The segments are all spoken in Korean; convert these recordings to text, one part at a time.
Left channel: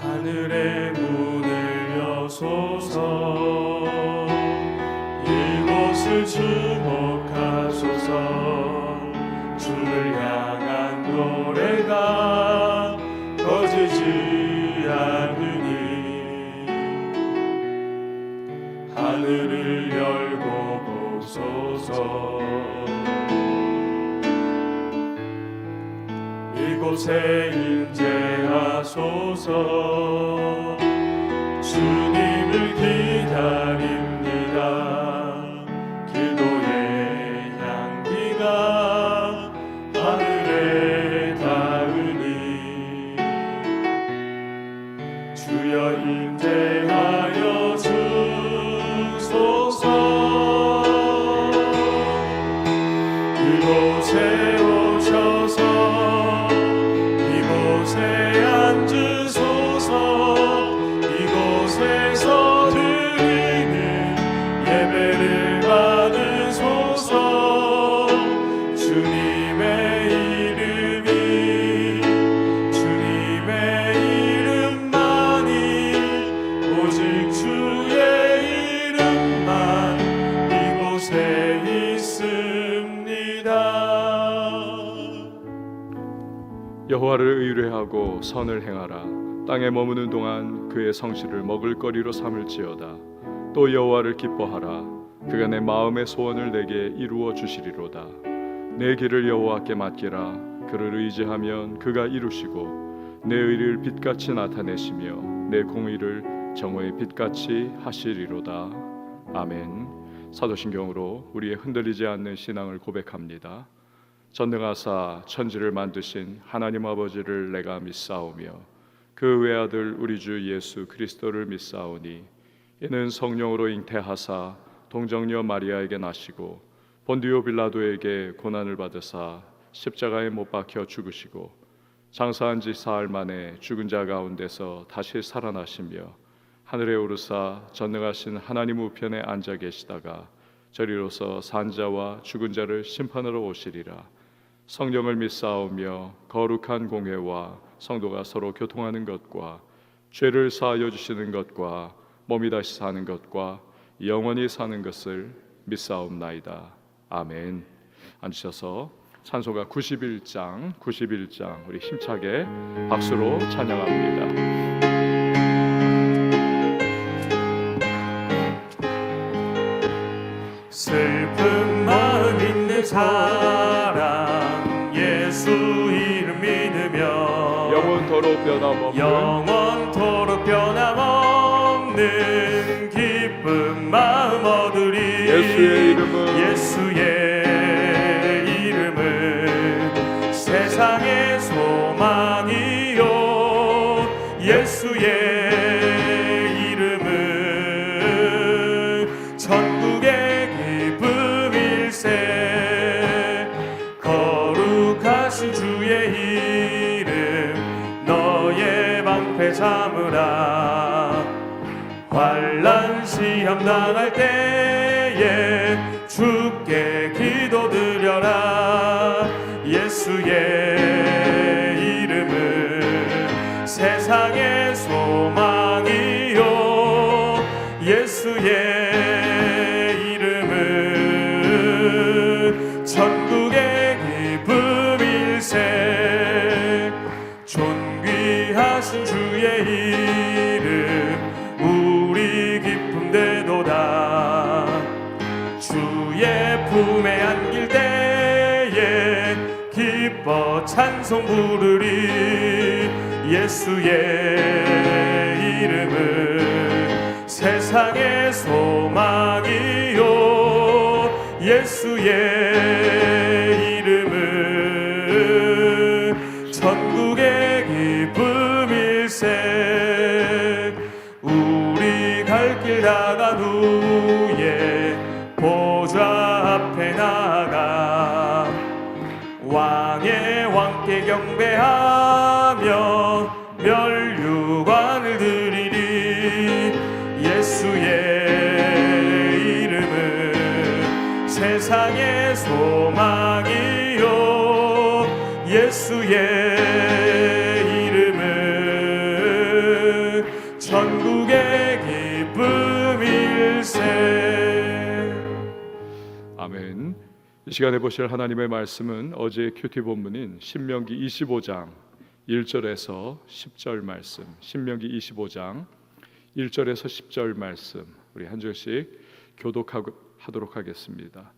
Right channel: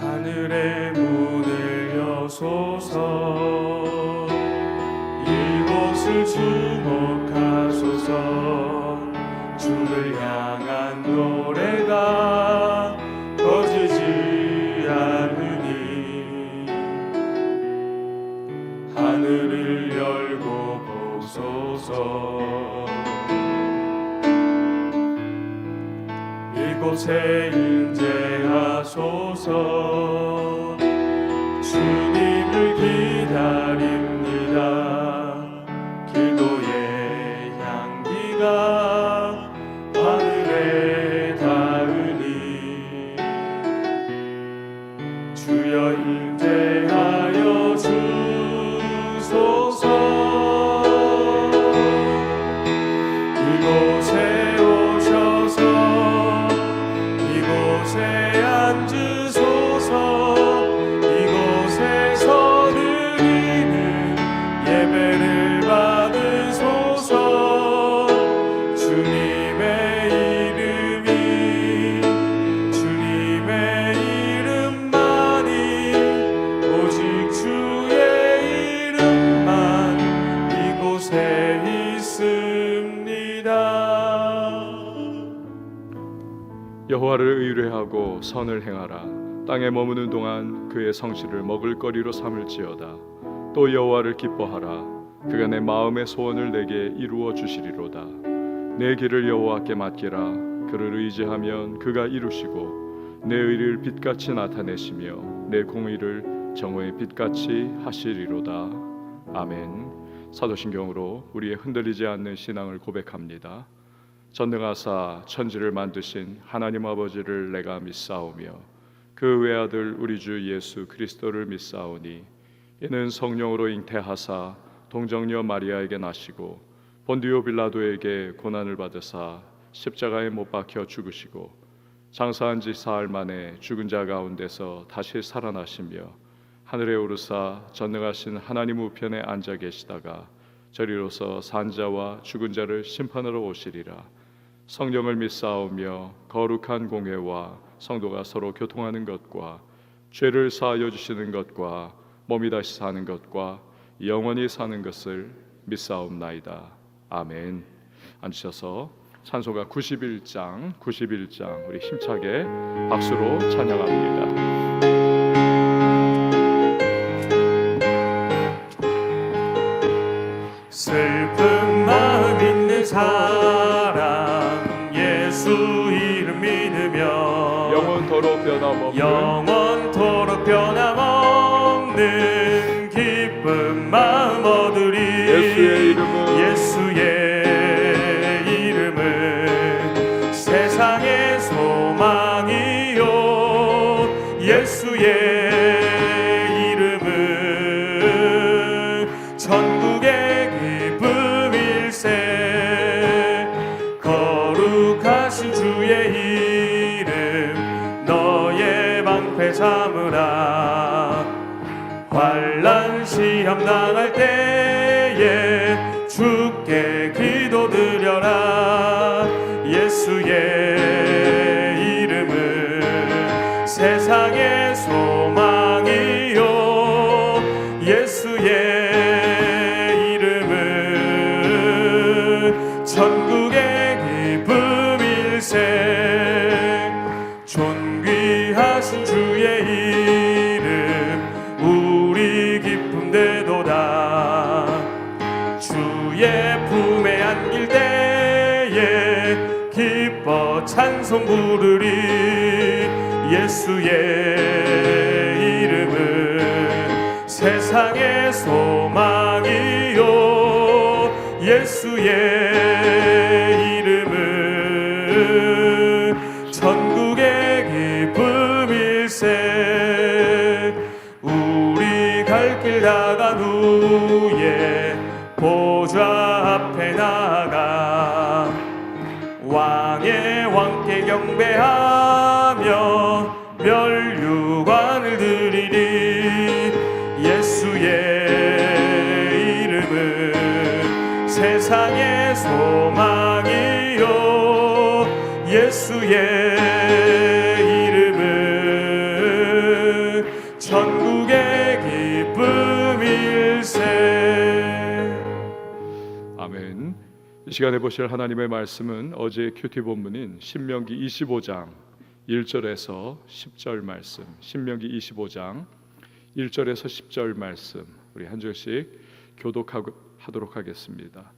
하늘의 문을 여소서. 이곳을 주목하소서. 주를 향한 노래가 꺼지지 않으니 하늘을 열고 보소서. 이곳에 임재하소서. 주님을 기다립니다. 기도의 향기가 하늘에 닿으니 주여 임재하여 주소서. 이곳에 오셔서 이곳에 앉으소서. 이곳에서 드리는 예배를 받으소서. 주님의 이름만이 오직 주의 이름만 이곳에 있습니다. 여호와를 의뢰하고 선을 행하라. 땅에 머무는 동안 그의 성실을 먹을거리로 삼을지어다. 또 여호와를 기뻐하라. 그가 내 마음의 소원을 내게 이루어 주시리로다. 내 길을 여호와께 맡기라. 그를 의지하면 그가 이루시고 내 의를 빛같이 나타내시며 내 공의를 정오의 빛같이 하시리로다. 아멘. 사도신경으로 우리의 흔들리지 않는 신앙을 고백합니다. 전능하사 천지를 만드신 하나님 아버지를 내가 믿사오며 그 외아들 우리 주 예수 그리스도를 믿사오니 이는 성령으로 잉태하사 동정녀 마리아에게 나시고 본디오 빌라도에게 고난을 받으사 십자가에 못 박혀 죽으시고 장사한 지 사흘 만에 죽은 자 가운데서 다시 살아나시며 하늘에 오르사 전능하신 하나님 우편에 앉아 계시다가 저리로서 산 자와 죽은 자를 심판하러 오시리라. 성령을 믿사오며 거룩한 공회와 성도가 서로 교통하는 것과 죄를 사하여 주시는 것과 몸이 다시 사는 것과 영원히 사는 것을 믿사옵나이다. 아멘. 앉으셔서 찬송가 91장 우리 힘차게 박수로 찬양합니다. 슬픈 마음 있는 사람 예수 이름 믿으며 영원토록 변함없는 기쁜 마음 얻으리. 예수의 이름은 세상의 소망이요. 예수의 이름은 천국의 기쁨일세. 거룩하신 주의 이름 너의 방패 삼으라. 환난 시험 당할 때에 주께 기도드려라. 예수의 이름은 세상의 소망이요. 예수의 이름은 천국의 기쁨일세. 존귀하신 주의 이름 우리 기쁨 되도다. 주의 품에 안길 때에 기뻐 찬송 부르리. 예수의 이름은 세상의 소망이요. 예수의 이름은 천국의 기쁨일세. 우리 갈 길 나간 후에 보좌 앞에 나가 왕의 왕께 경배하며 멸류관을 드리리. 예수의 이름은 세상의 소망이요. 예수의 이름은 이 시간에 보실 하나님의 말씀은 어제의 큐티 본문인 신명기 25장 1절에서 10절 말씀, 신명기 25장 1절에서 10절 말씀 우리 한 절씩 교독하도록 하겠습니다.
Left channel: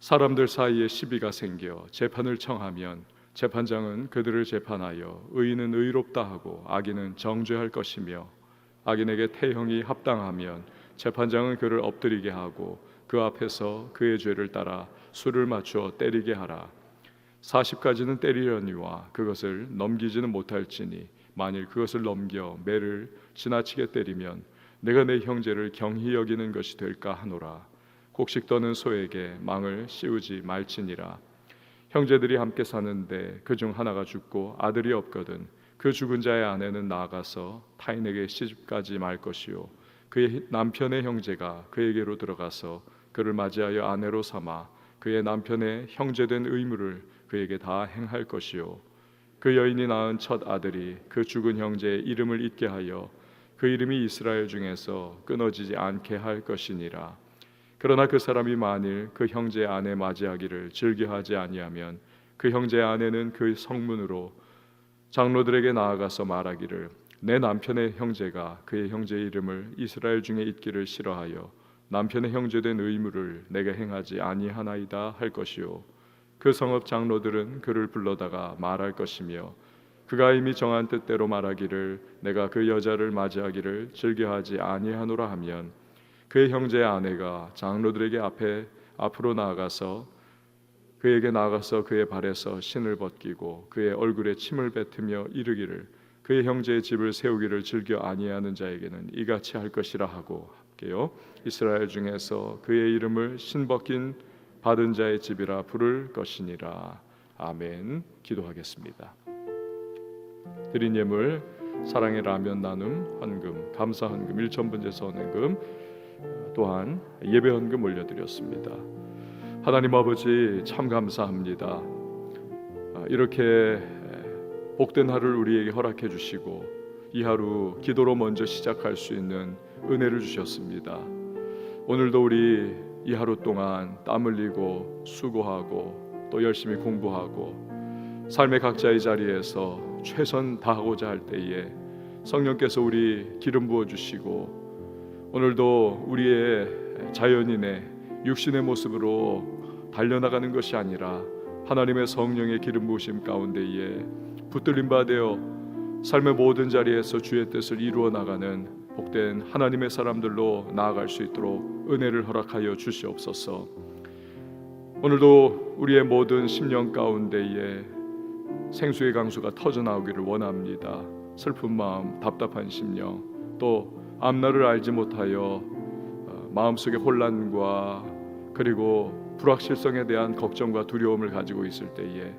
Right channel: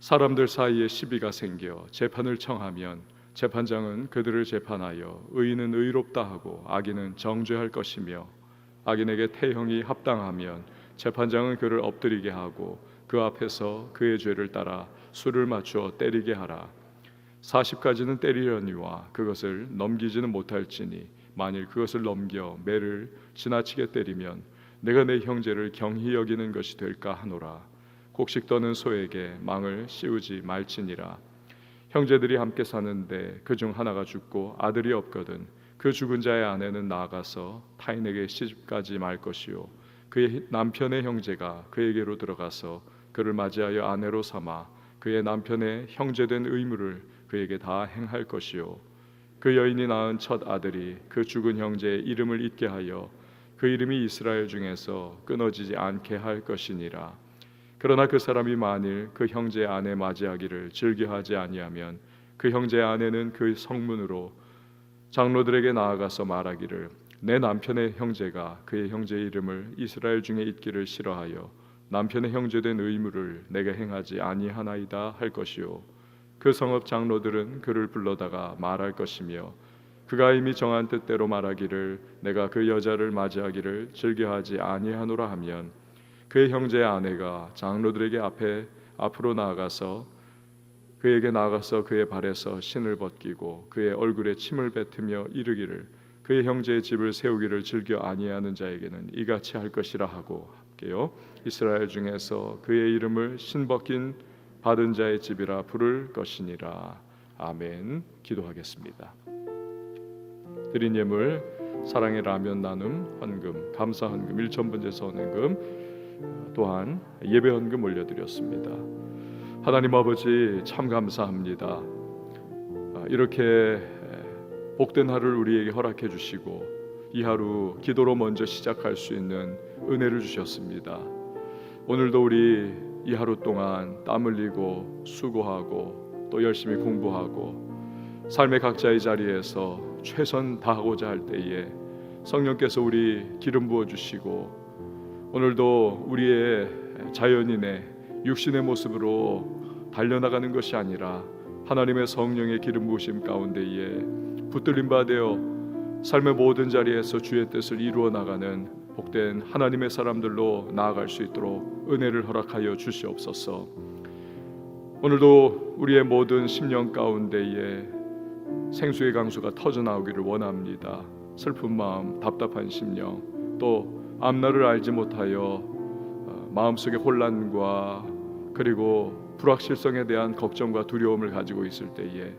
사람들 사이에 시비가 생겨 재판을 청하면 재판장은 그들을 재판하여 의인은 의롭다 하고 악인은 정죄할 것이며, 악인에게 태형이 합당하면 재판장은 그를 엎드리게 하고 그 앞에서 그의 죄를 따라 수를 맞추어 때리게 하라. 40가지는 때리려니와 그것을 넘기지는 못할지니 만일 그것을 넘겨 매를 지나치게 때리면 내가 내 형제를 경히 여기는 것이 될까 하노라. 곡식 떠는 소에게 망을 씌우지 말지니라. 형제들이 함께 사는데 그중 하나가 죽고 아들이 없거든 그 죽은 자의 아내는 나아가서 타인에게 시집가지 말 것이요, 그의 남편의 형제가 그에게로 들어가서 그를 맞이하여 아내로 삼아 그의 남편의 형제된 의무를 그에게 다 행할 것이요, 그 여인이 낳은 첫 아들이 그 죽은 형제의 이름을 잊게 하여 그 이름이 이스라엘 중에서 끊어지지 않게 할 것이니라. 그러나 그 사람이 만일 그 형제의 아내 맞이하기를 즐겨하지 아니하면 그 형제의 아내는 그 성문으로 장로들에게 나아가서 말하기를 내 남편의 형제가 그의 형제의 이름을 이스라엘 중에 잊기를 싫어하여 남편의 형제된 의무를 내게 행하지 아니하나이다 할 것이요, 그 성읍 장로들은 그를 불러다가 말할 것이며 그가 이미 정한 뜻대로 말하기를 내가 그 여자를 맞이하기를 즐겨하지 아니하노라 하면 그의 형제의 아내가 장로들에게 앞으로 나아가서 그의 발에서 신을 벗기고 그의 얼굴에 침을 뱉으며 이르기를 그의 형제의 집을 세우기를 즐겨 아니하는 자에게는 이같이 할 것이라 하고 함께요, 이스라엘 중에서 그의 이름을 신 벗긴 받은 자의 집이라 부를 것이니라. 아멘. 기도하겠습니다. 드린 예물 사랑의 라면 나눔 헌금, 감사 헌금, 일천번제서 헌금, 또한 예배 헌금 올려드렸습니다. 하나님 아버지 참 감사합니다. 이렇게 복된 하루를 우리에게 허락해 주시고 이 하루 기도로 먼저 시작할 수 있는 은혜를 주셨습니다. 오늘도 우리 이 하루 동안 땀 흘리고 수고하고 또 열심히 공부하고 삶의 각자의 자리에서 최선 다하고자 할 때에 성령께서 우리 기름 부어 주시고 오늘도 우리의 자연인의 육신의 모습으로 달려나가는 것이 아니라 하나님의 성령의 기름 부으심 가운데에 붙들림 받아 삶의 모든 자리에서 주의 뜻을 이루어 나가는 복된 하나님의 사람들로 나아갈 수 있도록 은혜를 허락하여 주시옵소서. 오늘도 우리의 모든 심령 가운데에 생수의 강수가 터져 나오기를 원합니다. 슬픈 마음, 답답한 심령, 또 앞날을 알지 못하여 마음속에 혼란과 그리고 불확실성에 대한 걱정과 두려움을 가지고 있을 때에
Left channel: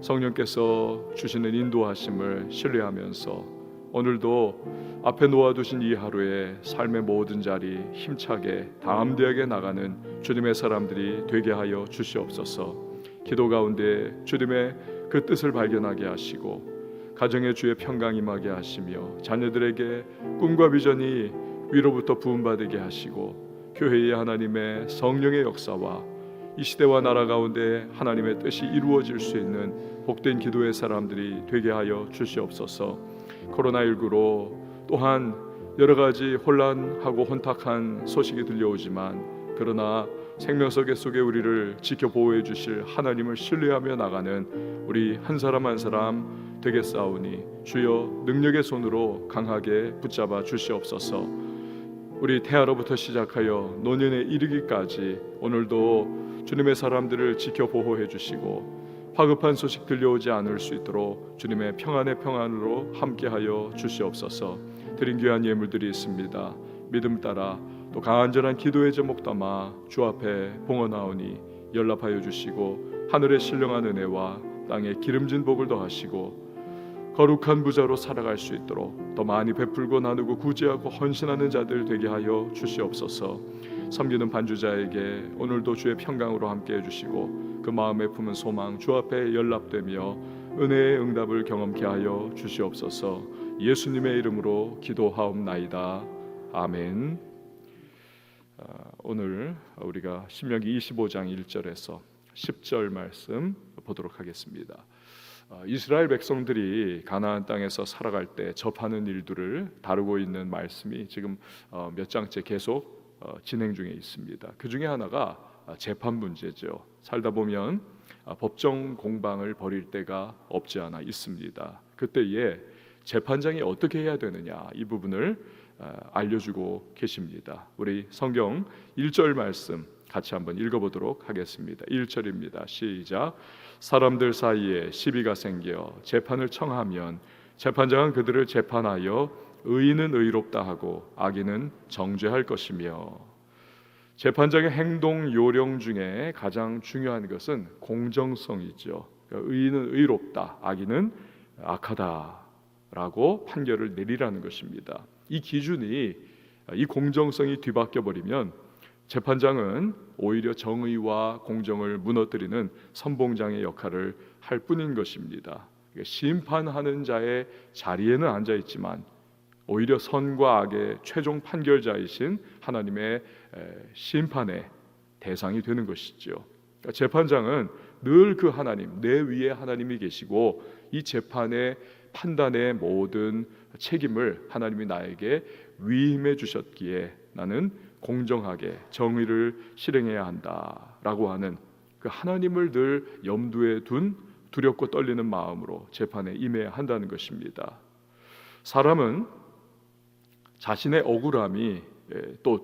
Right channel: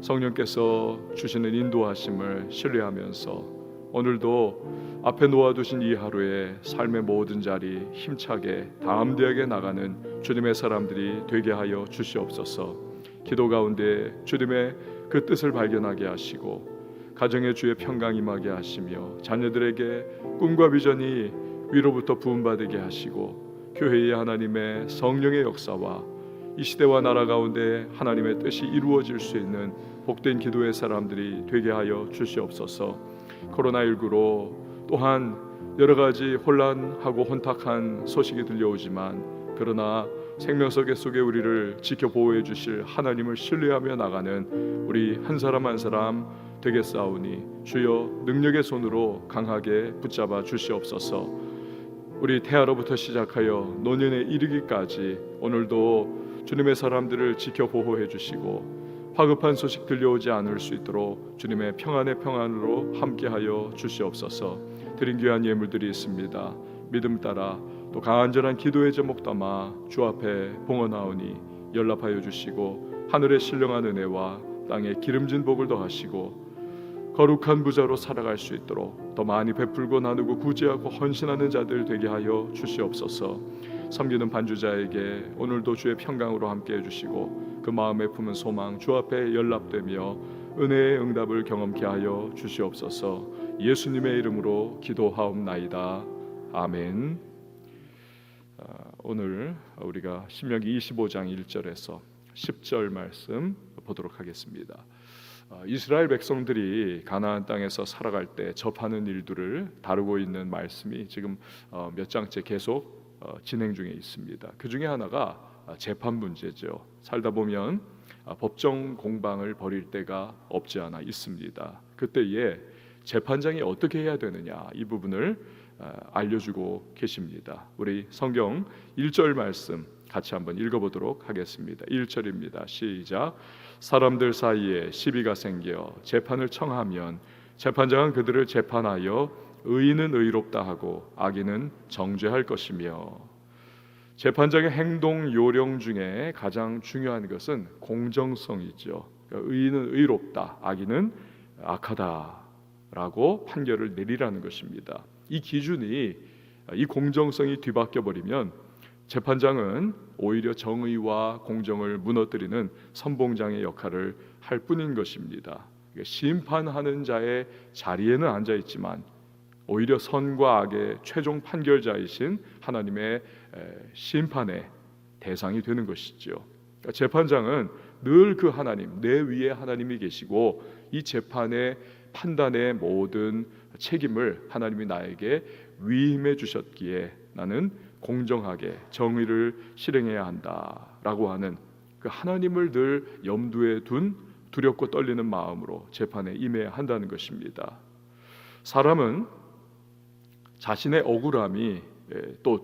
성령께서 주시는 인도하심을 신뢰하면서 오늘도 앞에 놓아두신 이 하루에 삶의 모든 자리 힘차게 담대하게 나가는 주님의 사람들이 되게 하여 주시옵소서. 기도 가운데 주님의 그 뜻을 발견하게 하시고 가정의 주의 평강 임하게 하시며 자녀들에게 꿈과 비전이 위로부터 부음받게 하시고 교회의 하나님의 성령의 역사와 이 시대와 나라 가운데 하나님의 뜻이 이루어질 수 있는 복된 기도의 사람들이 되게 하여 주시옵소서. 코로나19로 또한 여러 가지 혼란하고 혼탁한 소식이 들려오지만 그러나 생명석의 속에 우리를 지켜 보호해 주실 하나님을 신뢰하며 나가는 우리 한 사람 한 사람 되겠사오니 주여 능력의 손으로 강하게 붙잡아 주시옵소서. 우리 태아로부터 시작하여 노년에 이르기까지 오늘도 주님의 사람들을 지켜 보호해 주시고 화급한 소식 들려오지 않을 수 있도록 주님의 평안의 평안으로 함께하여 주시옵소서. 드린 귀한 예물들이 있습니다. 믿음 따라 또 간절한 기도의 제목 담아 주 앞에 봉헌하오니 연락하여 주시고 하늘의 신령한 은혜와 땅의 기름진 복을 더하시고 거룩한 부자로 살아갈 수 있도록 더 많이 베풀고 나누고 구제하고 헌신하는 자들 되게 하여 주시옵소서. 섬기는 반주자에게 오늘도 주의 평강으로 함께 해주시고 그 마음에 품은 소망 주 앞에 연락되며 은혜의 응답을 경험케 하여 주시옵소서. 예수님의 이름으로 기도하옵나이다. 아멘. 오늘 우리가 신명기 25장 1절에서 10절 말씀 보도록 하겠습니다. 이스라엘 백성들이 가나안 땅에서 살아갈 때 접하는 일들을 다루고 있는 말씀이 지금 몇 장째 계속 진행 중에 있습니다. 그 중에 하나가 재판 문제죠. 살다 보면 법정 공방을 벌일 때가 없지 않아 있습니다. 그때에 재판장이 어떻게 해야 되느냐, 이 부분을 알려주고 계십니다. 우리 성경 1절 말씀 같이 한번 읽어보도록 하겠습니다. 1절입니다. 시작. 사람들 사이에 시비가 생겨 재판을 청하면 재판장은 그들을 재판하여 의인은 의롭다 하고 악인은 정죄할 것이며. 재판장의 행동 요령 중에 가장 중요한 것은 공정성이죠. 그러니까 의인은 의롭다, 악인은 악하다라고 판결을 내리라는 것입니다. 이 기준이, 이 공정성이 뒤바뀌어 버리면 재판장은 오히려 정의와 공정을 무너뜨리는 선봉장의 역할을 할 뿐인 것입니다. 심판하는 자의 자리에는 앉아 있지만 오히려 선과 악의 최종 판결자이신 하나님의 심판의 대상이 되는 것이죠. 재판장은 늘 그 하나님, 내 위에 하나님이 계시고 이 재판의 판단의 모든 책임을 하나님이 나에게 위임해 주셨기에 나는 공정하게 정의를 실행해야 한다라고 하는 그 하나님을 늘 염두에 둔 두렵고 떨리는 마음으로 재판에 임해야 한다는 것입니다. 사람은 자신의 억울함이 또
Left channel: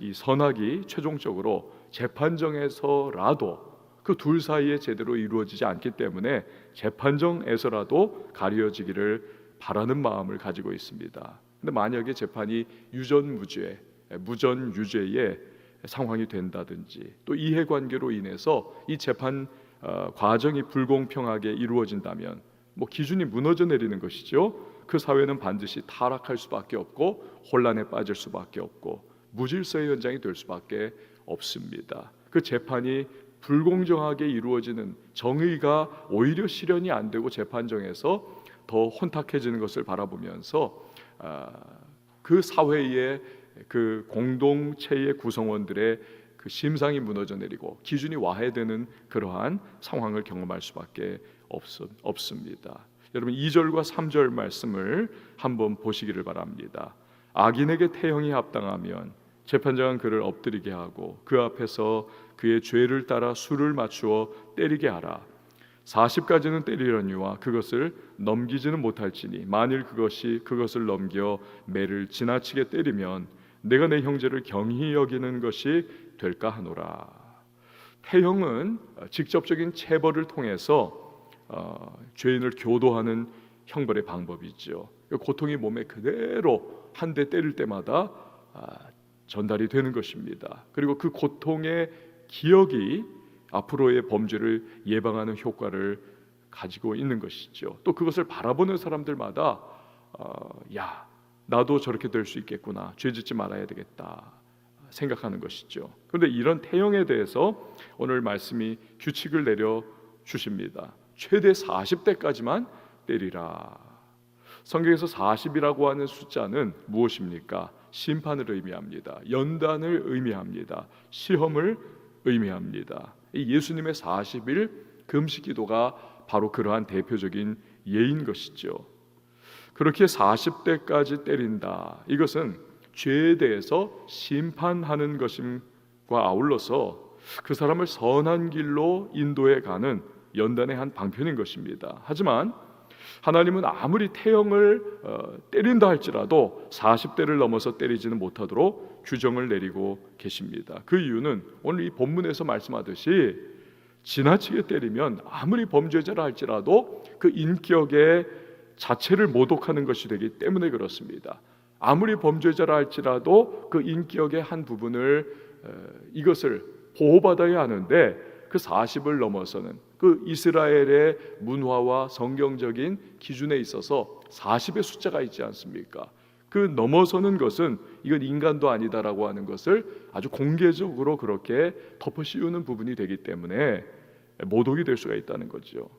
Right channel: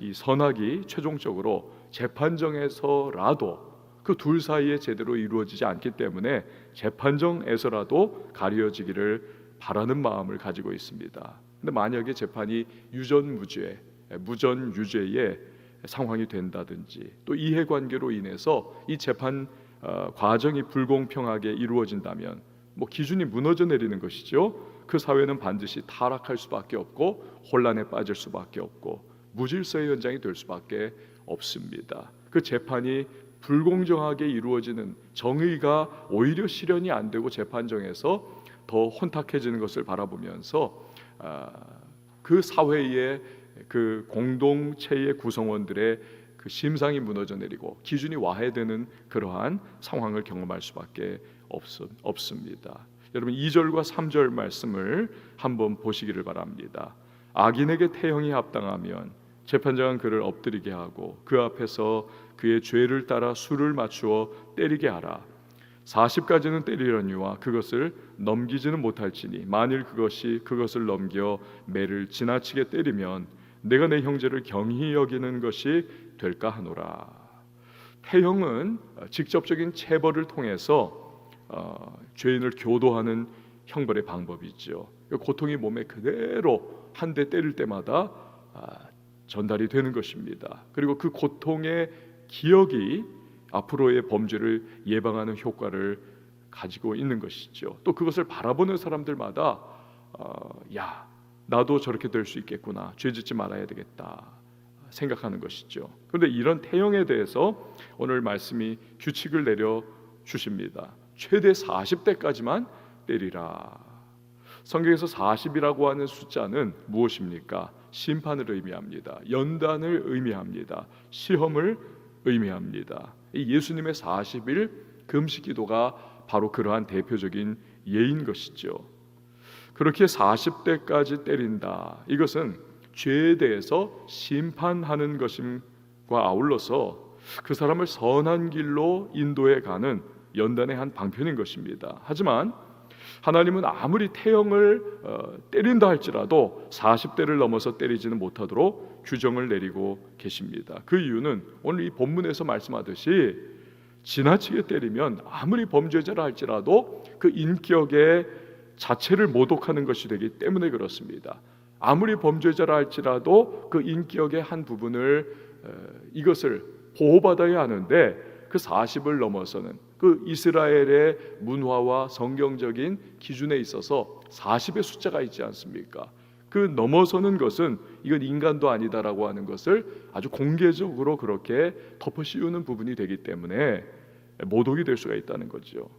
이 선악이 최종적으로 재판정에서라도 그 둘 사이에 제대로 이루어지지 않기 때문에 재판정에서라도 가려지기를 바라는 마음을 가지고 있습니다. 근데 만약에 재판이 유전무죄, 무전유죄의 상황이 된다든지 또 이해관계로 인해서 이 재판 과정이 불공평하게 이루어진다면 기준이 무너져 내리는 것이죠. 그 사회는 반드시 타락할 수밖에 없고 혼란에 빠질 수밖에 없고 무질서의 현장이 될 수밖에 없습니다. 그 재판이 불공정하게 이루어지는, 정의가 오히려 실현이 안 되고 재판정에서 더 혼탁해지는 것을 바라보면서 그 사회의 그 공동체의 구성원들의 그 심상이 무너져 내리고 기준이 와해되는 그러한 상황을 경험할 수밖에 없습니다. 여러분 2절과 3절 말씀을 한번 보시기를 바랍니다. 악인에게 태형이 합당하면 재판장은 그를 엎드리게 하고 그 앞에서 그의 죄를 따라 수를 맞추어 때리게 하라. 40까지는 때리려니와 그것을 넘기지는 못할지니 만일 그것을 넘겨 매를 지나치게 때리면 내가 내 형제를 경히 여기는 것이 될까 하노라. 태형은 직접적인 체벌을 통해서 죄인을 교도하는 형벌의 방법이죠. 고통이 몸에 그대로 한 대 때릴 때마다 전달이 되는 것입니다. 그리고 그 고통의 기억이 앞으로의 범죄를 예방하는 효과를 가지고 있는 것이죠. 또 그것을 바라보는 사람들마다 야, 나도 저렇게 될 수 있겠구나, 죄 짓지 말아야 되겠다 생각하는 것이죠. 그런데 이런 태형에 대해서 오늘 말씀이 규칙을 내려 주십니다. 최대 40대까지만 때리라. 성경에서 40이라고 하는 숫자는 무엇입니까? 심판을 의미합니다. 연단을 의미합니다. 시험을 의미합니다. 예수님의 40일 금식 기도가 바로 그러한 대표적인 예인 것이죠. 그렇게 40대까지 때린다. 이것은 죄에 대해서 심판하는 것임과 아울러서 그 사람을 선한 길로 인도해 가는 연단의 한 방편인 것입니다. 하지만 하나님은 아무리 태형을 때린다 할지라도 40대를 넘어서 때리지는 못하도록 규정을 내리고 계십니다. 그 이유는 오늘 이 본문에서 말씀하듯이 지나치게 때리면 아무리 범죄자라 할지라도 그 인격의 자체를 모독하는 것이 되기 때문에 그렇습니다. 아무리 범죄자라 할지라도 그 인격의 한 부분을 이것을 보호받아야 하는데 그 40을 넘어서는 그 이스라엘의 문화와 성경적인 기준에 있어서 40의 숫자가 있지 않습니까? 그 넘어서는 것은 이건 인간도 아니다라고 하는 것을 아주 공개적으로 그렇게 덮어씌우는 부분이 되기 때문에 모독이 될 수가 있다는 거죠.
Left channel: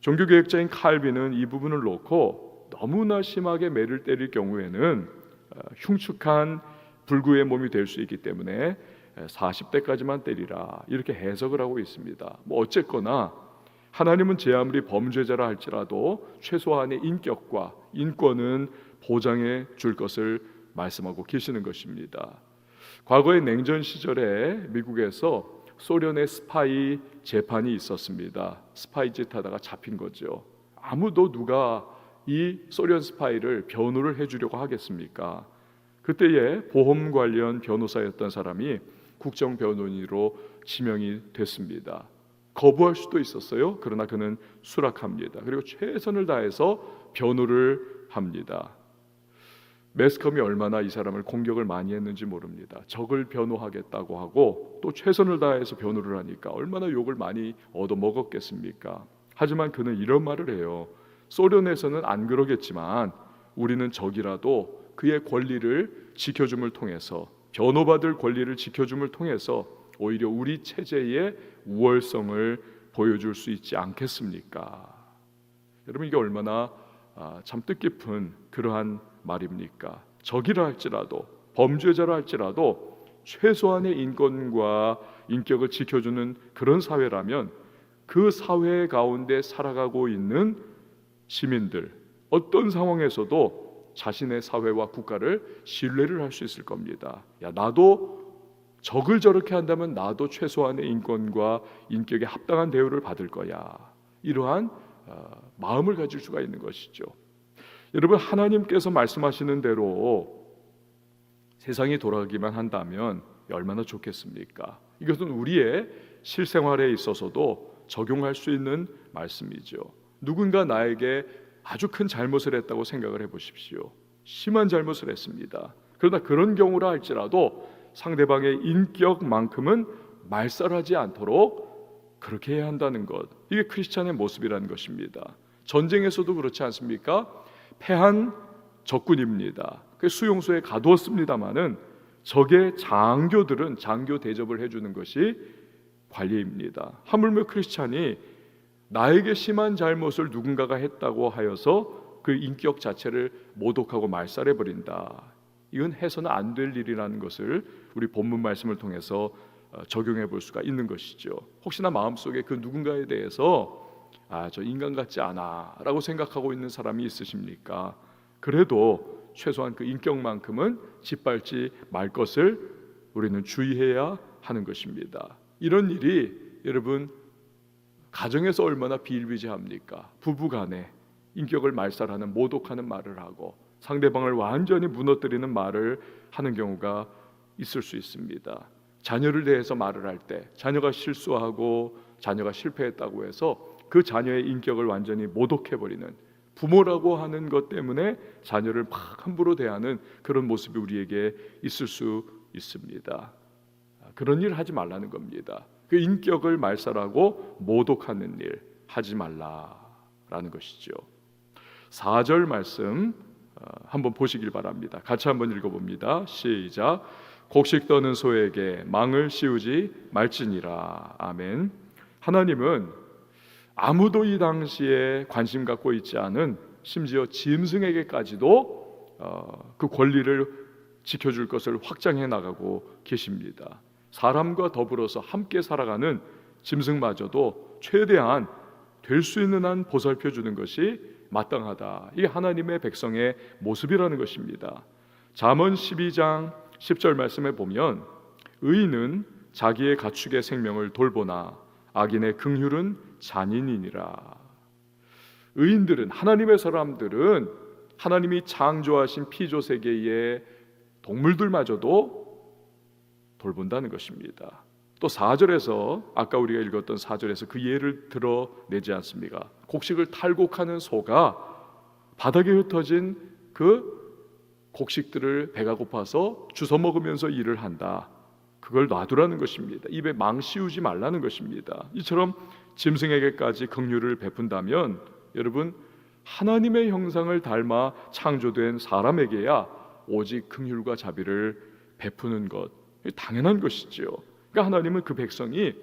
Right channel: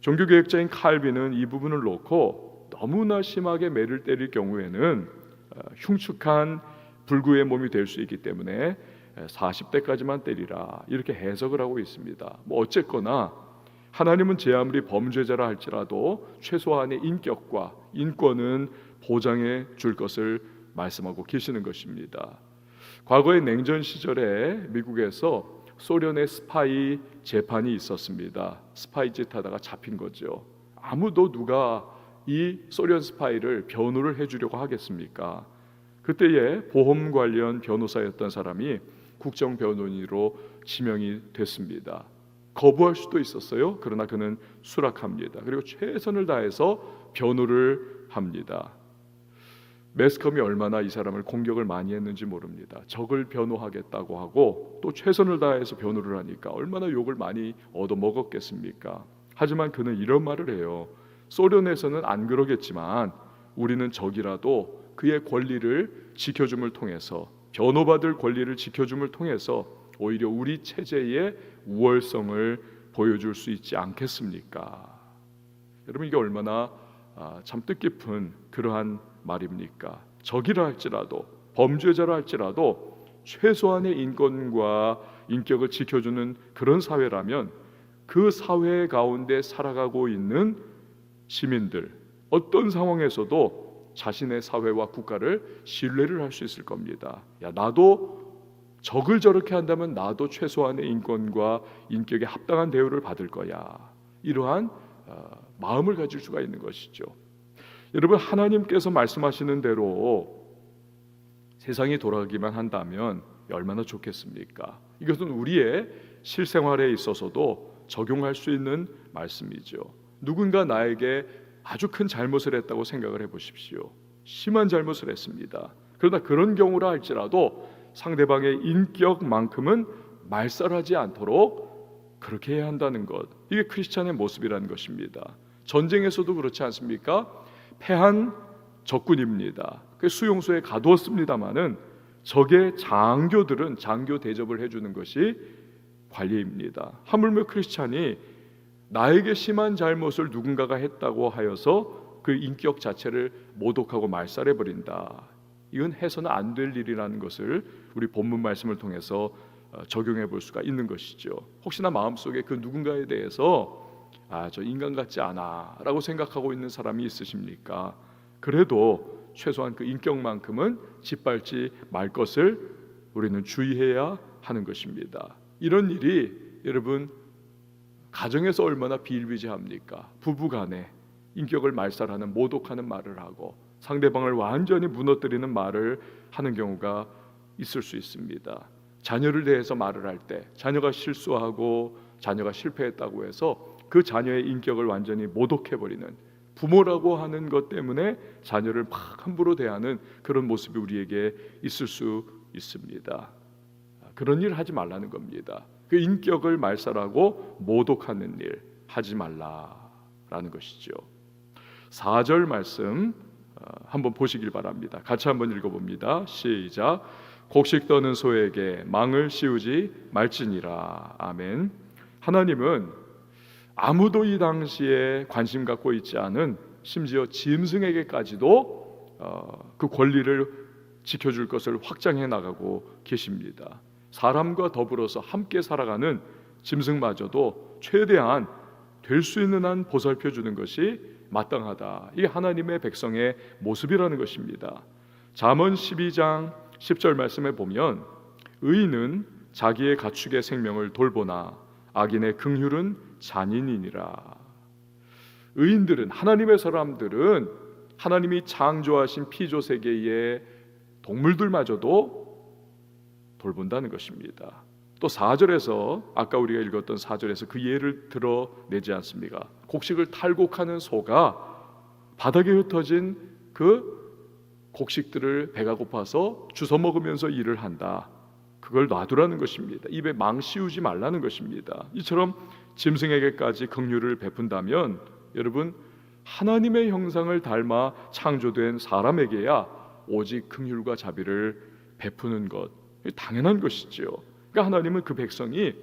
종교개혁자인 칼빈은 이 부분을 놓고 너무나 심하게 매를 때릴 경우에는 흉측한 불구의 몸이 될 수 있기 때문에 40대까지만 때리라 이렇게 해석을 하고 있습니다. 뭐 어쨌거나 하나님은 제 아무리 범죄자라 할지라도 최소한의 인격과 인권은 보장해 줄 것을 말씀하고 계시는 것입니다. 과거의 냉전 시절에 미국에서 소련의 스파이 재판이 있었습니다. 스파이 짓 하다가 잡힌 거죠. 아무도 누가 이 소련 스파이를 변호를 해주려고 하겠습니까? 그때에 보험 관련 변호사였던 사람이 국정변호인으로 지명이 됐습니다. 거부할 수도 있었어요. 그러나 그는 수락합니다. 그리고 최선을 다해서 변호를 합니다. 매스컴이 얼마나 이 사람을 공격을 많이 했는지 모릅니다. 적을 변호하겠다고 하고 또 최선을 다해서 변호를 하니까 얼마나 욕을 많이 얻어먹었겠습니까? 하지만 그는 이런 말을 해요. 소련에서는 안 그러겠지만 우리는 적이라도 그의 권리를 지켜줌을 통해서, 변호받을 권리를 지켜줌을 통해서 오히려 우리 체제의 우월성을 보여줄 수 있지 않겠습니까? 여러분, 이게 얼마나 참 뜻깊은 그러한 말입니까? 적이라 할지라도, 범죄자라 할지라도 최소한의 인권과 인격을 지켜주는 그런 사회라면 그 사회 가운데 살아가고 있는 시민들, 어떤 상황에서도 자신의 사회와 국가를 신뢰를 할 수 있을 겁니다. 야, 나도 적을 저렇게 한다면 나도 최소한의 인권과 인격에 합당한 대우를 받을 거야. 이러한 마음을 가질 수가 있는 것이죠. 여러분, 하나님께서 말씀하시는 대로 세상이 돌아가기만 한다면 얼마나 좋겠습니까? 이것은 우리의 실생활에 있어서도 적용할 수 있는 말씀이죠. 누군가 나에게 아주 큰 잘못을 했다고 생각을 해보십시오. 심한 잘못을 했습니다. 그러나 그런 경우라 할지라도 상대방의 인격만큼은 말살하지 않도록 그렇게 해야 한다는 것, 이게 크리스찬의 모습이라는 것입니다. 전쟁에서도 그렇지 않습니까? 패한 적군입니다. 그 수용소에 가두었습니다마는 적의 장교들은 장교 대접을 해주는 것이 관리입니다. 하물며 크리스찬이 나에게 심한 잘못을 누군가가 했다고 하여서 그 인격 자체를 모독하고 말살해버린다, 이건 해서는 안 될 일이라는 것을 우리 본문 말씀을 통해서 적용해 볼 수가 있는 것이죠. 혹시나 마음속에 그 누군가에 대해서 저 인간 같지 않아 라고 생각하고 있는 사람이 있으십니까? 그래도 최소한 그 인격만큼은 짓밟지 말 것을 우리는 주의해야 하는 것입니다. 이런 일이 여러분 가정에서 얼마나 비일비재합니까? 부부간에 인격을 말살하는, 모독하는 말을 하고 상대방을 완전히 무너뜨리는 말을 하는 경우가 있을 수 있습니다. 자녀를 대해서 말을 할 때 자녀가 실수하고 자녀가 실패했다고 해서 그 자녀의 인격을 완전히 모독해버리는, 부모라고 하는 것 때문에 자녀를 막 함부로 대하는 그런 모습이 우리에게 있을 수 있습니다. 그런 일 하지 말라는 겁니다. 그 인격을 말살하고 모독하는 일 하지 말라라는 것이죠. 4절 말씀 한번 보시길 바랍니다. 같이 한번 읽어봅니다. 시작. 곡식 떠는 소에게 망을 씌우지 말지니라. 아멘. 하나님은 아무도 이 당시에 관심 갖고 있지 않은, 심지어 짐승에게까지도 그 권리를 지켜줄 것을 확장해 나가고 계십니다. 사람과 더불어서 함께 살아가는 짐승마저도 최대한 될 수 있는 한 보살펴 주는 것이 마땅하다. 이게 하나님의 백성의 모습이라는 것입니다. 잠언 12장 10절 말씀에 보면 의인은 자기의 가축의 생명을 돌보나 악인의 긍휼은 잔인이니라. 의인들은, 하나님의 사람들은 하나님이 창조하신 피조 세계의 동물들마저도 돌본다는 것입니다. 또 4절에서 아까 우리가 읽었던 4절에서 그 예를 들어내지 않습니까? 곡식을 탈곡하는 소가 바닥에 흩어진 그 곡식들을 배가 고파서 주워 먹으면서 일을 한다. 그걸 놔두라는 것입니다. 입에 망 씌우지 말라는 것입니다. 이처럼 짐승에게까지 긍휼을 베푼다면 여러분, 하나님의 형상을 닮아 창조된 사람에게야 오직 긍휼과 자비를 베푸는 것, 당연한 것이지요. 그러니까 하나님은 그 백성이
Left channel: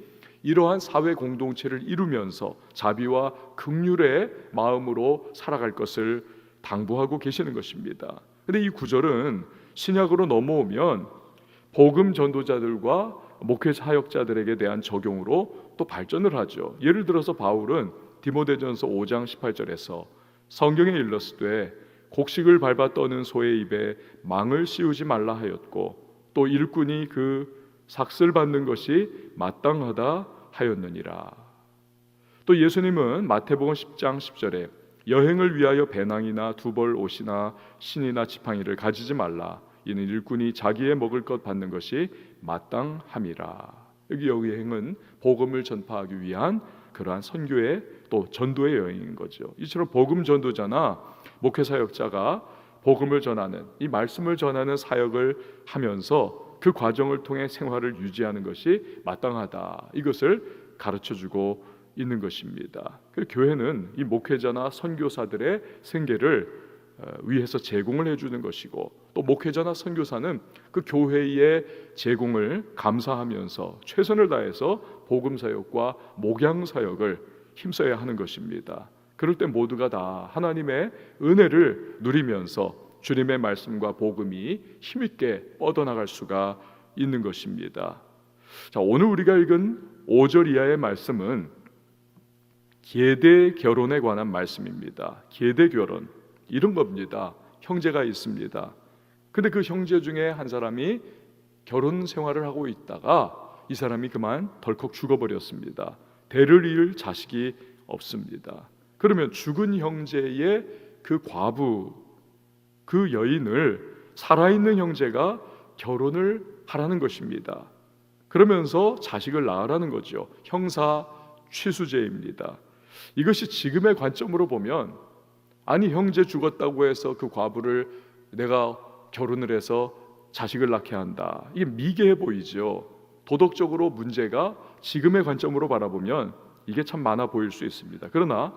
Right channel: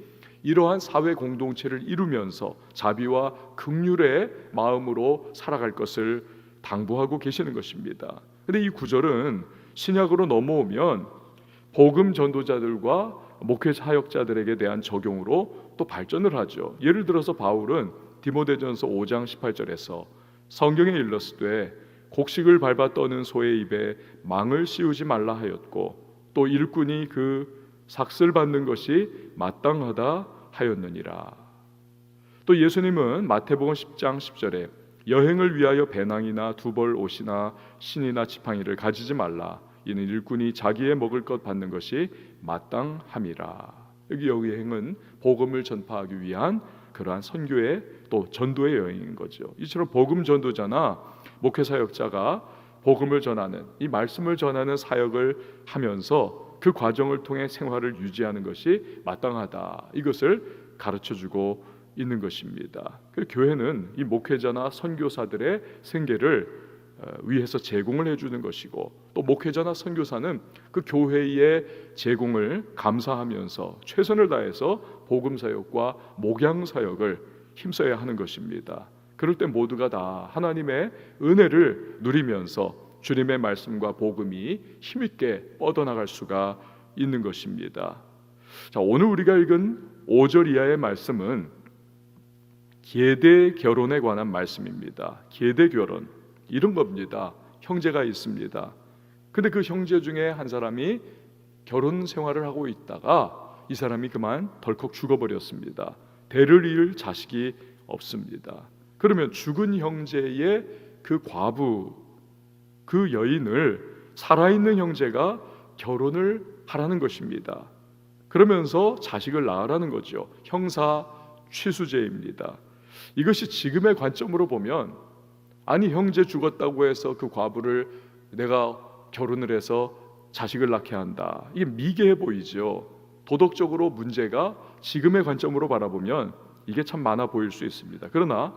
이러한 사회 공동체를 이루면서 자비와 긍휼의 마음으로 살아갈 것을 당부하고 계시는 것입니다. 그런데 이 구절은 신약으로 넘어오면 복음 전도자들과 목회 사역자들에게 대한 적용으로 또 발전을 하죠. 예를 들어서 바울은 디모데전서 5장 18절에서 성경에 일렀으되 곡식을 밟아 떠는 소의 입에 망을 씌우지 말라 하였고 또 일꾼이 그 삭슬 받는 것이 마땅하다 하였느니라. 또 예수님은 마태복음 10장 10절에 여행을 위하여 배낭이나 두벌 옷이나 신이나 지팡이를 가지지 말라. 이는 일꾼이 자기의 먹을 것 받는 것이 마땅함이라. 여기 여행은 복음을 전파하기 위한 그러한 선교의 또 전도의 여행인 거죠. 이처럼 복음 전도자나 목회 사역자가 복음을 전하는 이 말씀을 전하는 사역을 하면서 그 과정을 통해 생활을 유지하는 것이 마땅하다. 이것을 가르쳐주고 있는 것입니다. 그 교회는 이 목회자나 선교사들의 생계를 위해서 제공을 해주는 것이고 또 목회자나 선교사는 그 교회의 제공을 감사하면서 최선을 다해서 복음 사역과 목양 사역을 힘써야 하는 것입니다. 그럴 때 모두가 다 하나님의 은혜를 누리면서 주님의 말씀과 복음이 힘있게 뻗어나갈 수가 있는 것입니다. 자, 오늘 우리가 읽은 5절 이하의 말씀은 계대 결혼에 관한 말씀입니다. 계대 결혼 이런 겁니다. 형제가 있습니다. 근데 그 형제 중에 한 사람이 결혼 생활을 하고 있다가 이 사람이 그만 덜컥 죽어버렸습니다. 대를 이을 자식이 없습니다. 그러면 죽은 형제의 그 과부, 그 여인을 살아있는 형제가 결혼을 하라는 것입니다. 그러면서 자식을 낳으라는 거죠. 형사 취수제입니다. 이것이 지금의 관점으로 보면 아니 형제 죽었다고 해서 그 과부를 내가 결혼을 해서 자식을 낳게 한다. 이게 미개해 보이죠. 도덕적으로 문제가 지금의 관점으로 바라보면 이게 참 많아 보일 수 있습니다. 그러나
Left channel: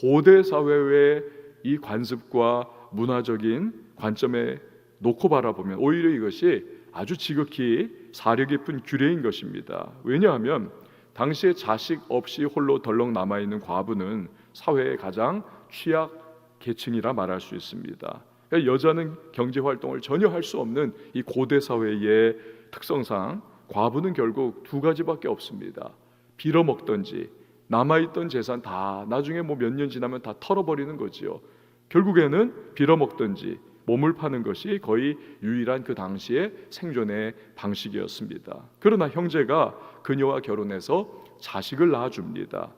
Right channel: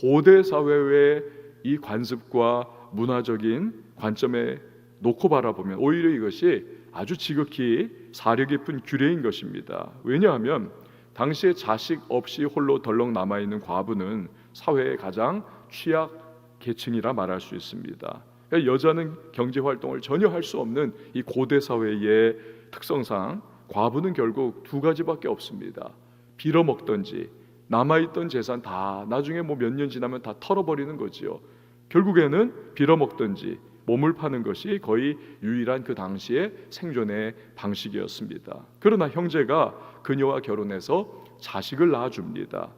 고대 사회의 이 관습과 문화적인 관점에 놓고 바라보면 오히려 이것이 아주 지극히 사려 깊은 규례인 것입니다. 왜냐하면 당시에 자식 없이 홀로 덜렁 남아있는 과부는 사회의 가장 취약 계층이라 말할 수 있습니다. 그러니까 여자는 경제활동을 전혀 할 수 없는 이 고대 사회의 특성상 과부는 결국 두 가지밖에 없습니다. 빌어먹든지 남아있던 재산 다 나중에 뭐 몇 년 지나면 다 털어버리는 거지요. 결국에는 빌어먹든지 몸을 파는 것이 거의 유일한 그 당시의 생존의 방식이었습니다. 그러나 형제가 그녀와 결혼해서 자식을 낳아줍니다.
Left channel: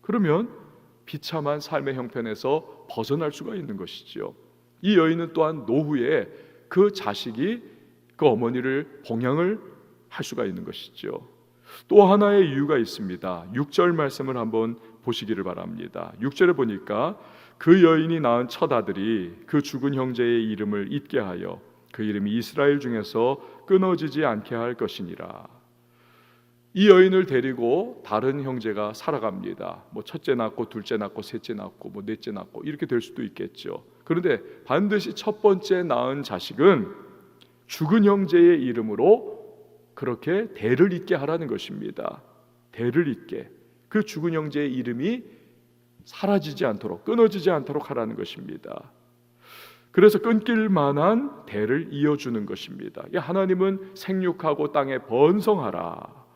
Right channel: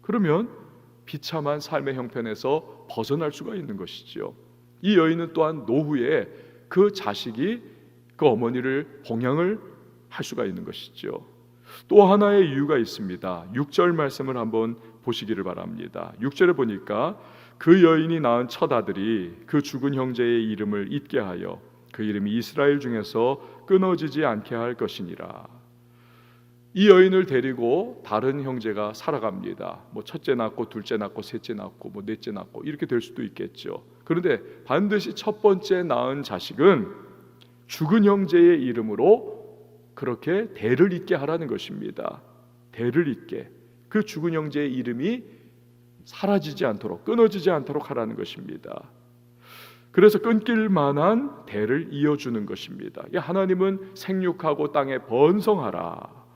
그러면 비참한 삶의 형편에서 벗어날 수가 있는 것이지요. 이 여인은 또한 노후에 그 자식이 그 어머니를 봉양을 할 수가 있는 것이죠. 또 하나의 이유가 있습니다. 6절 말씀을 한번 보시기를 바랍니다. 6절에 보니까 그 여인이 낳은 첫 아들이 그 죽은 형제의 이름을 잊게 하여 그 이름이 이스라엘 중에서 끊어지지 않게 할 것이니라. 이 여인을 데리고 다른 형제가 살아갑니다. 뭐 첫째 낳고 둘째 낳고 셋째 낳고 뭐 넷째 낳고 이렇게 될 수도 있겠죠. 그런데 반드시 첫 번째 낳은 자식은 죽은 형제의 이름으로 그렇게 대를 잇게 하라는 것입니다. 대를 잇게. 그 죽은 형제의 이름이 사라지지 않도록 끊어지지 않도록 하라는 것입니다. 그래서 끊길 만한 대를 이어주는 것입니다. 하나님은 생육하고 땅에 번성하라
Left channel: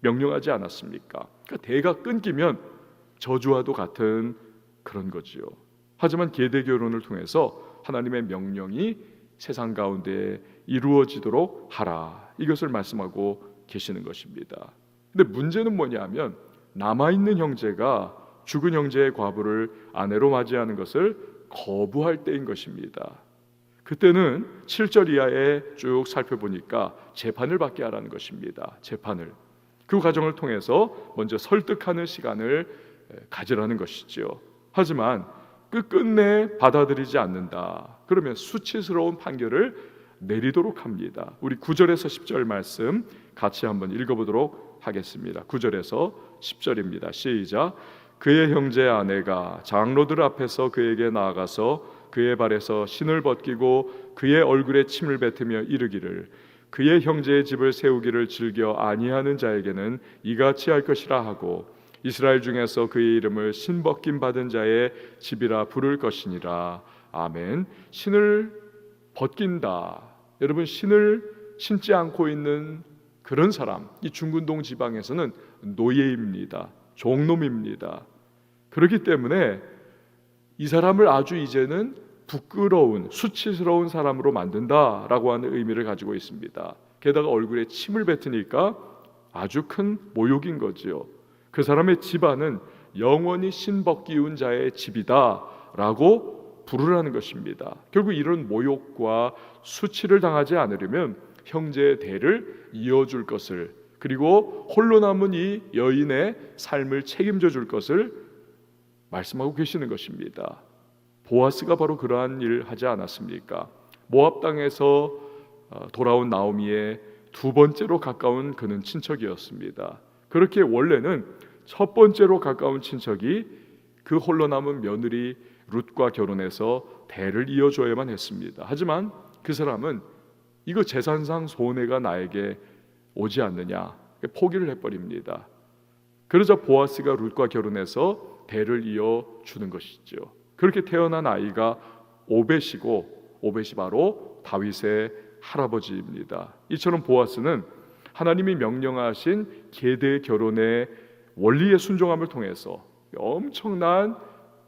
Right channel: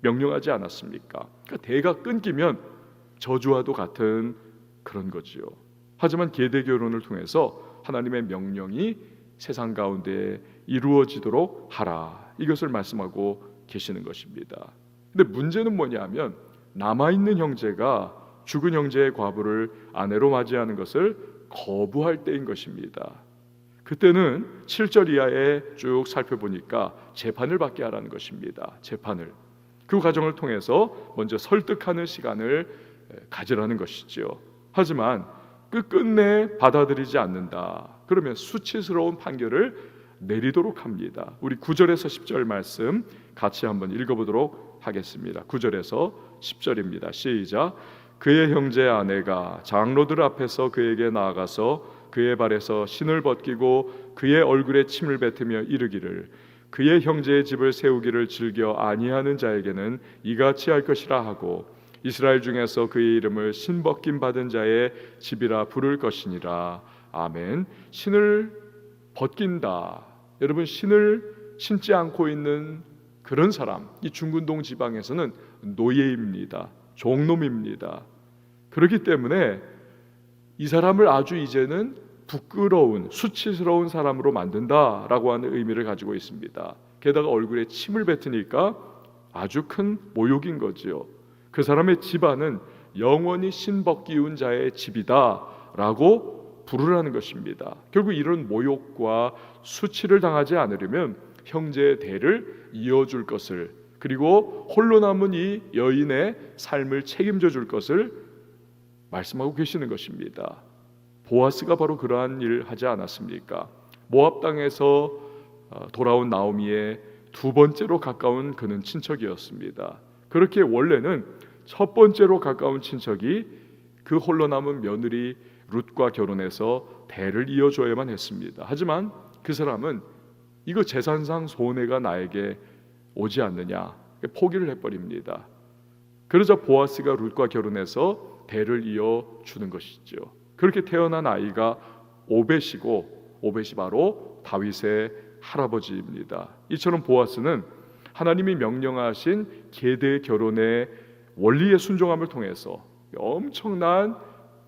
명령하지 않았습니까? 그러니까 대가 끊기면 저주와도 같은 그런 거지요. 하지만 계대 결혼을 통해서 하나님의 명령이 세상 가운데 이루어지도록 하라, 이것을 말씀하고 계시는 것입니다. 근데 문제는 뭐냐면 남아있는 형제가 죽은 형제의 과부를 아내로 맞이하는 것을 거부할 때인 것입니다. 그때는 7절 이하에 쭉 살펴보니까 재판을 받게 하라는 것입니다. 재판을. 그 과정을 통해서 먼저 설득하는 시간을 가지라는 것이죠. 하지만 끝끝내 받아들이지 않는다. 그러면 수치스러운 판결을 내리도록 합니다. 우리 9절에서 10절 말씀 같이 한번 읽어보도록 하겠습니다. 9절에서 10절입니다. 시작. 그의 형제 아내가 장로들 앞에서 그에게 나아가서 그의 발에서 신을 벗기고 그의 얼굴에 침을 뱉으며 이르기를 그의 형제의 집을 세우기를 즐겨 아니하는 자에게는 이같이 할 것이라 하고 이스라엘 중에서 그의 이름을 신벗김 받은 자의 집이라 부를 것이니라. 아멘. 신을 벗긴다. 여러분, 신을 신지 않고 있는 그런 사람, 이 중근동 지방에서는 노예입니다. 종놈입니다. 그렇기 때문에 이 사람을 아주 이제는 부끄러운, 수치스러운 사람으로 만든다라고 하는 의미를 가지고 있습니다. 게다가 얼굴에 침을 뱉으니까 아주 큰 모욕인 거지요. 그 사람의 집안은 영원히 신벗기운 자의 집이다라고 부르라는 것입니다. 결국 이런 모욕과 수치를 당하지 않으려면 형제의 대를 이어줄 것을, 그리고 홀로 남은 이 여인의 삶을 책임져 줄 것을 말씀하고 계시는 것입니다. 보아스가 바로 그러한 일을 하지 않았습니까? 모압 땅에서 돌아온 나오미의 두 번째로 가까운 그는 친척이었습니다. 그렇게 원래는 첫 번째로 가까운 친척이 그 홀로 남은 며느리 룻과 결혼해서 대를 이어줘야만 했습니다. 하지만 그 사람은 이거 재산상 손해가 나에게 오지 않느냐 포기를 해버립니다. 그러자 보아스가 룻과 결혼해서 대를 이어주는 것이죠. 그렇게 태어난 아이가 오벳이고, 오벳이 바로 다윗의 할아버지입니다. 이처럼 보아스는 하나님이 명령하신 계대 결혼의 원리에 순종함을 통해서 엄청난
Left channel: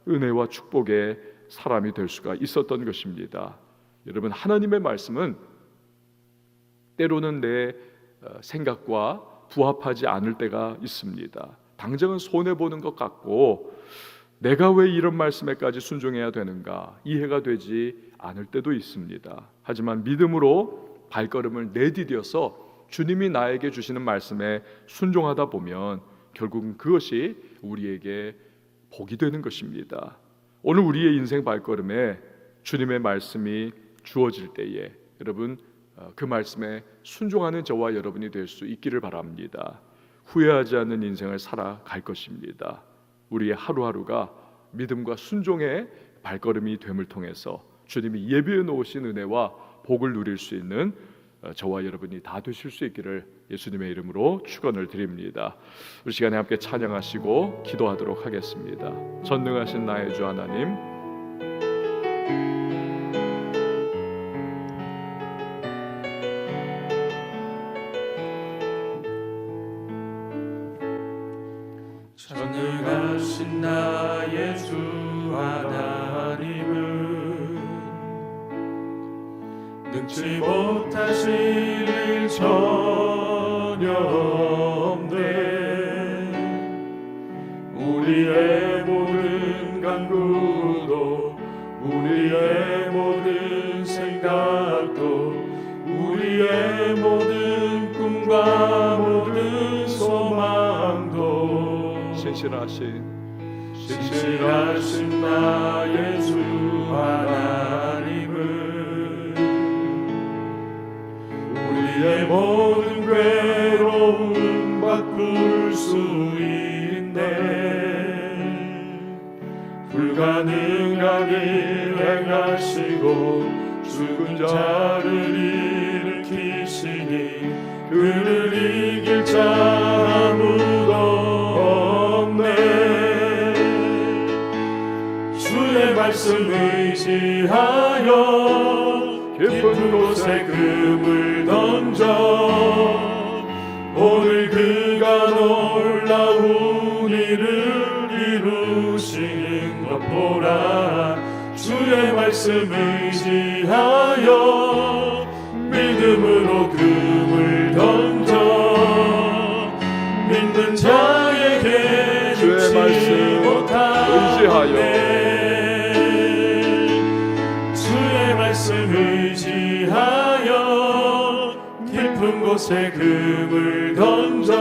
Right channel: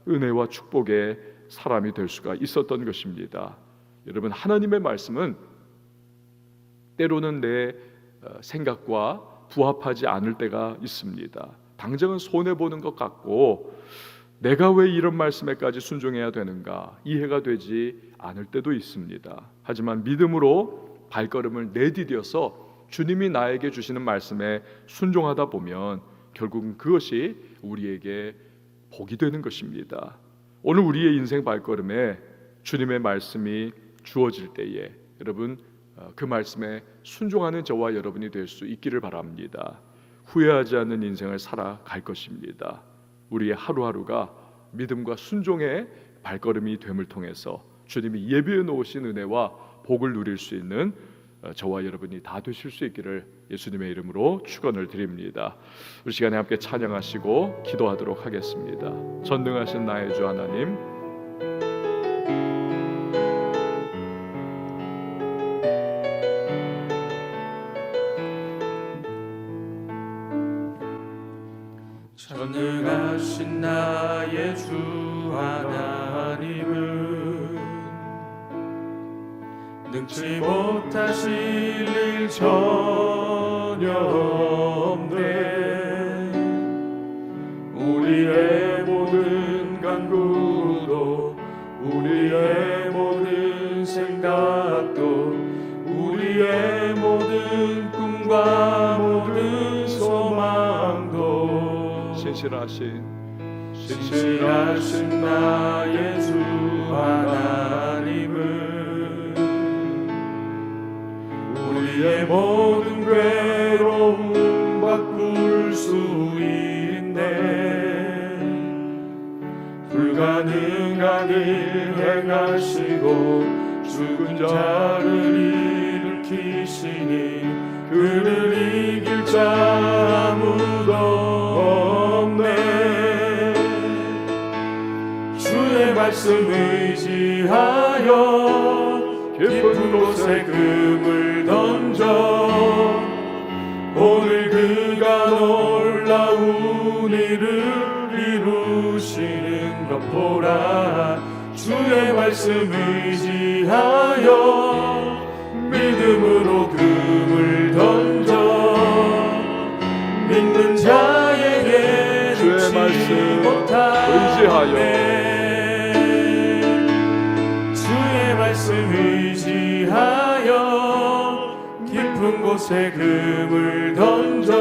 은혜와 축복의 사람이 될 수가 있었던 것입니다. 여러분, 하나님의 말씀은 때로는 내 생각과 부합하지 않을 때가 있습니다. 당장은 손해보는 것 같고 내가 왜 이런 말씀에까지 순종해야 되는가 이해가 되지 않을 때도 있습니다. 하지만 믿음으로 발걸음을 내디뎌서 주님이 나에게 주시는 말씀에 순종하다 보면 결국은 그것이 우리에게 복이 되는 것입니다. 오늘 우리의 인생 발걸음에 주님의 말씀이 주어질 때에 여러분 그 말씀에 순종하는 저와 여러분이 될 수 있기를 바랍니다. 후회하지 않는 인생을 살아갈 것입니다. 우리의 하루하루가 믿음과 순종의 발걸음이 됨을 통해서 주님이 예비해 놓으신 은혜와 복을 누릴 수 있는 저와 여러분이 다 되실 수 있기를 예수님의 이름으로 축원을 드립니다. 우리 시간에 함께 찬양하시고 기도하도록 하겠습니다. 전능하신 나의 주 하나님, 전능하신 나의 주 하나님은 능치 못하실 일 전혀 없네. 우리의 모든 간구도 우리의 모든 생각도 우리의 모든 꿈과 모든 소망도 신실하신 나의 주 하나님은 우리의 모든 괴로움 바꿀 수 있네. 불가능한 일 행하시고 죽은 자를 일으키시니 그를 이길 자 아무도 없네. 주의 말씀 의지하여 깊은 곳에 금을 던져 오늘 그가 놀라운 일을 이루시는 것 보라. 주의 말씀 의지하여 믿음으로 금을 던져 믿는 자에게 주의 말씀 의지하여 주의 말씀 의지하여 깊은 곳에 금을 던져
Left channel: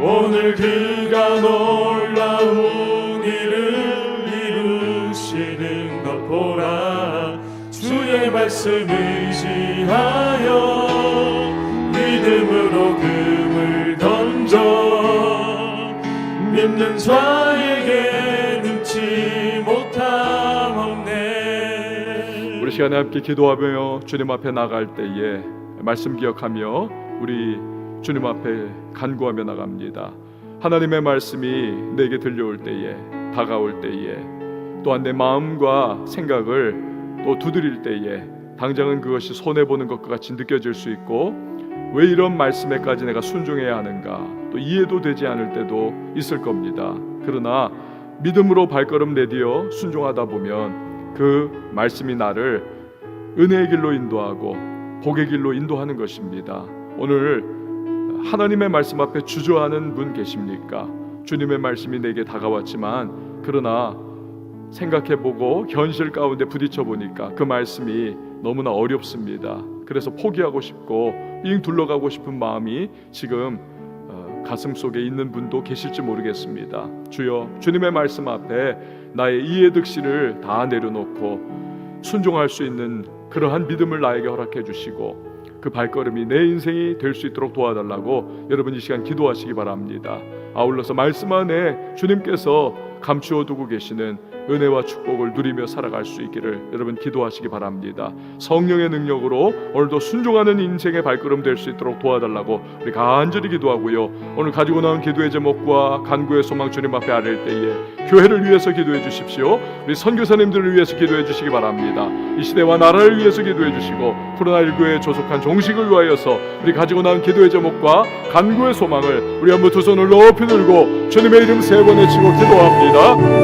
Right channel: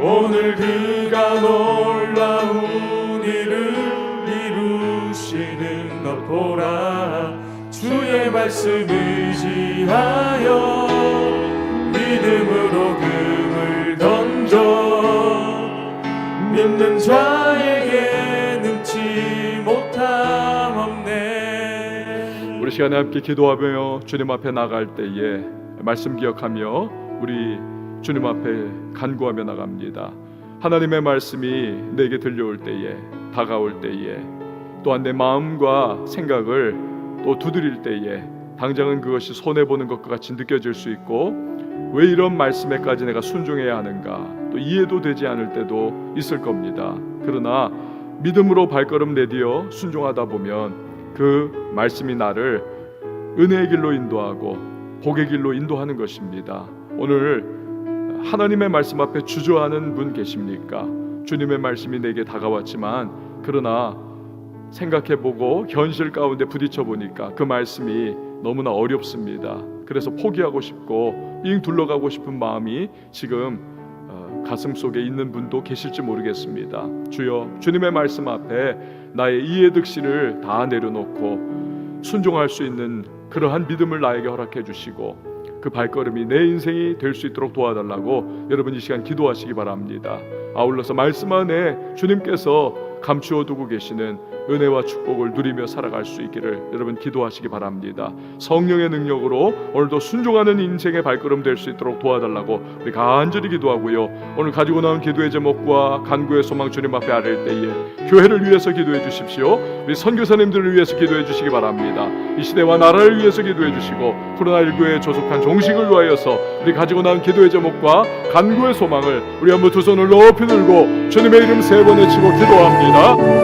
오늘 그가 놀라운 일을 이루시는 것 보라. 주의 말씀 의지하여 믿음으로 금을 던져 믿는 자에게 능치 못함 없네. 우리 시간에 함께 기도하며 주님 앞에 나갈 때에 말씀 기억하며 우리 주님 앞에 간구하며 나갑니다. 하나님의 말씀이 내게 들려올 때에, 다가올 때에, 또한 내 마음과 생각을 또 두드릴 때에 당장은 그것이 손해보는 것과 같이 느껴질 수 있고, 왜 이런 말씀에까지 내가 순종해야 하는가, 또 이해도 되지 않을 때도 있을 겁니다. 그러나 믿음으로 발걸음 내디어 순종하다 보면 그 말씀이 나를 은혜의 길로 인도하고 복의 길로 인도하는 것입니다. 오늘 하나님의 말씀 앞에 주저하는 분 계십니까? 주님의 말씀이 내게 다가왔지만 그러나 생각해보고 현실 가운데 부딪혀 보니까 그 말씀이 너무나 어렵습니다. 그래서 포기하고 싶고 삥 둘러가고 싶은 마음이 지금 가슴 속에 있는 분도 계실지 모르겠습니다. 주여, 주님의 말씀 앞에 나의 이해득실을 다 내려놓고 순종할 수 있는 그러한 믿음을 나에게 허락해 주시고 그 발걸음이 내 인생이 될 수 있도록 도와달라고 여러분 이 시간 기도하시기 바랍니다. 아울러서 말씀 안에 주님께서 감추어 두고 계시는 은혜와 축복을 누리며 살아갈 수 있기를 여러분 기도하시기 바랍니다. 성령의 능력으로 오늘도 순종하는 인생의 발걸음 될 수 있도록 도와달라고 우리 간절히 기도하고요. 오늘 가지고 나온 기도의 제목과 간구의 소망 주님 앞에 아뢰일 때에 교회를 위해서 기도해 주십시오. 우리 선교사님들을 위해서 기도해 주시기 바랍니다. 이 시대와 나라를 위해서 기도해 주시고 코로나19에 조속한 종식을 위하여서 우리 가지고 나온 기도의 제목과 간구의 소망을 우리 한번 두 손을 높이 들고 주님의 이름 세 번 외치고 기도합니다.